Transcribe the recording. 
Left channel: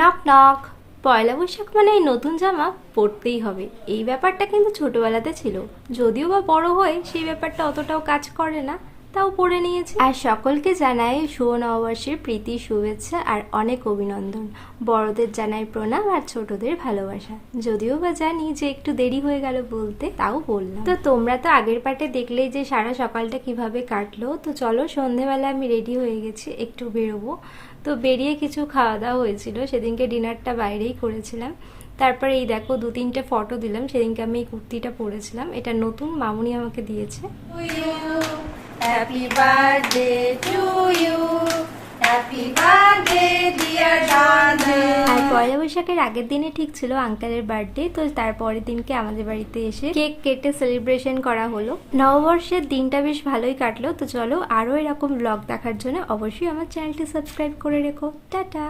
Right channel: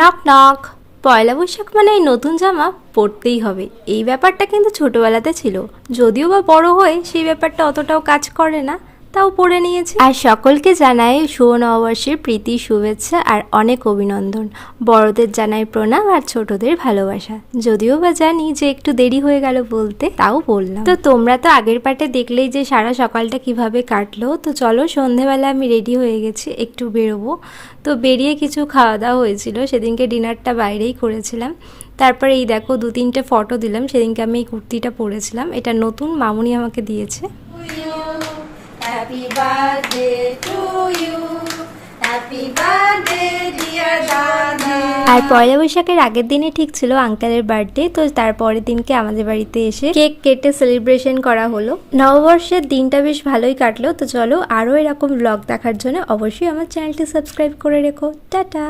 Knock knock. পয়লা বৈশাখ মানে এই নতুন জামা পরতেই হবে, এই ব্যাপারটা কিন্তু ছোটবেলাতে ছিল। যদিও বা বড় হয়ে সেই ব্যাপারটা অতটাও কাজ করে না, তাও পরে নিয়েছি। আর সকলকে জানাই শুভ নববর্ষের প্রীতি শুভেচ্ছা আর অনেক অভিনন্দন। বড়দের জানাই প্রণাম আর ছোটদের ভালোবাসা। যদিও বা জানি যে একটু দেরি হয়ে গেল বলতে, তাও বললাম। তো তোমরা তো আগের পার্টে দেখলেই যে সারা সকালটা কিভাবে কাটলো। তো চলো, সন্ধেবেলা আমি রেডি হয়ে গেছি, একটু বেরোবো। তো বেরিয়ে কিছু খাওয়া দাওয়া হয়েছিল, সেদিনকে ডিনারটা বাইরেই করেছিলাম। তারপরে এই দেখো 2-3টে ফটো দিলাম। সেদিনকে আমি এই কুর্তিটা পরেছিলাম, এটা নতুন মামুনি আমাকে দিয়েছে। Happy birthday to you. Happy birthday dear Danu. আর পয়লা বৈশাখের আগের দিনে ঠিক ছিল আঙ্কেলের বার্থডে। তো তারপরের দিনকে আমাদের বাড়িতে এসে কেক কেটে সেলিব্রেশন করা হলো। নববর্ষের দিনটা বেশ ভালোই কাটলো। তো চলো, আরও এরকম ব্লগ দেখার জন্য অবশ্যই আমার চ্যানেলটি সাবস্ক্রাইব করে রেখো। টাটা।